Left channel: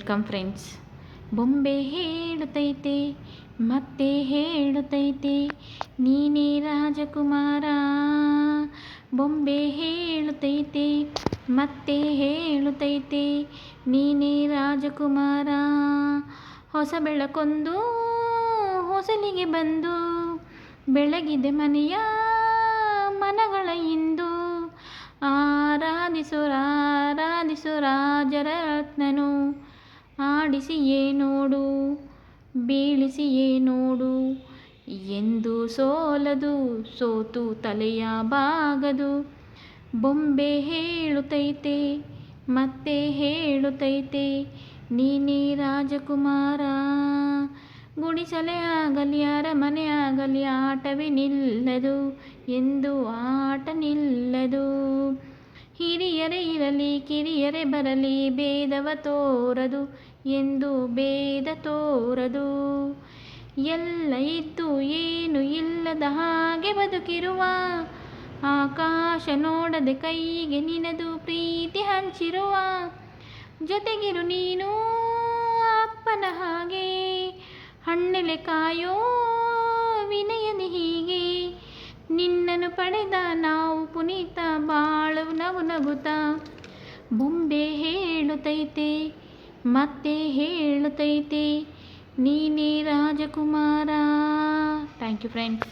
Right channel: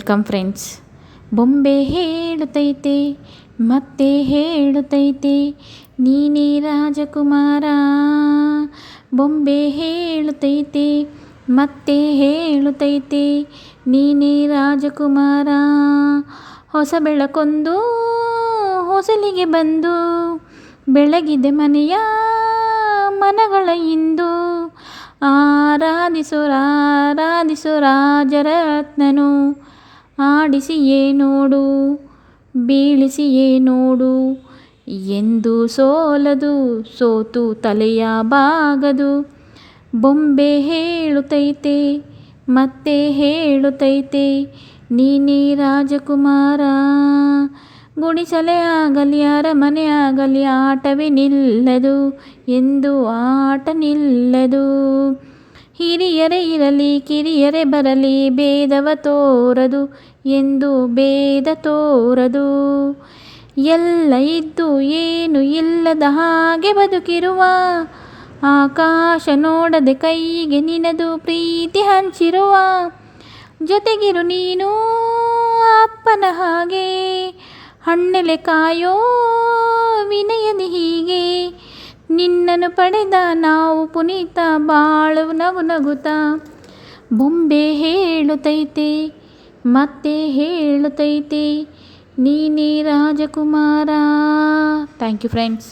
Welcome friends ಬೊಂಬೆ ಹೇಳುತ್ತೈತೆ ಮತ್ತೆ ಹೇಳುತ್ತೈತೆ ನೀನೇ ರಾಜಕುಮಾರ. ಬೊಂಬೆ ಹೇಳುತ್ತೈತೆ ಮತ್ತೆ ಹೇಳುತ್ತೈತೆ ನೀನೇ ರಾಜಕುಮಾರ. ಹೊಸ ಬೆಳಕೊಂದು, ಹೊಸಲಿಗೆ ಬಂದು, ಬೆಳಗಿದೆ ಮನೆಯ ಮನಗಳ ಇಂದು. ಆರಾಧಿಸು ರಾಜರತ್ನನು. ಆಡಿಸಿಯೇ ನೋಡು, ಬೀಳಿಸಿ ನೋಡು. ಎಂದು ಸೋಲದು, ಸೋತು ತಲೆಯ ಬಾಗದು. ಬೊಂಬೆ ಹೇಳುತ್ತೈತೆ, ಮತ್ತೆ ಹೇಳುತ್ತೈತೆ, ನೀನೇ ರಾಜಕುಮಾರ. ಗುಡಿಸಲೇ ಆಗಲಿ, ಅರಮನೆ ಆಗಲಿ, ಆಟವೇ ನಿಲ್ಲದು. ಎಂದು ಆಟ ನಿಲ್ಲದು. ಹಿರಿಯರೇ ಇರಲಿ, ಕಿರಿಯರೇ ಬರಲಿ, ಭೇದವ ತೋರದು ಎಂದು ಭೇದ ತೋರದು. ಎಲ್ಲ ಇದ್ದು ಏನು ಇಲ್ಲದ ಹಾಗೆ ಬದುಕಿರುವ ಆಕಾಶ ನೋಡದೆ ಕೈಗೆ ನಿನದು ಪ್ರೀತಿ ಹಂಚಿರುವ ಜೊತೆಗಿರು ನೀನು ಅಪ್ಪನ ಹಾಗೆ. ಹಣ್ಣೆಲೆ ಕಾಯೋ ವಿನಯದಿ ಹೀಗೆ. ನಿನ್ನನ್ನು ಪಡೆದ ನಾವು ಪುನೀತ ಬಾಳು ನಗು ನಗುತ. ಬೊಂಬೆ ಹೇಳುತ್ತೈತೆ ಮತ್ತೆ ಹೇಳುತ್ತೈತೆ ನೀನೇ ರಾಜಕುಮಾರ. Thank you friends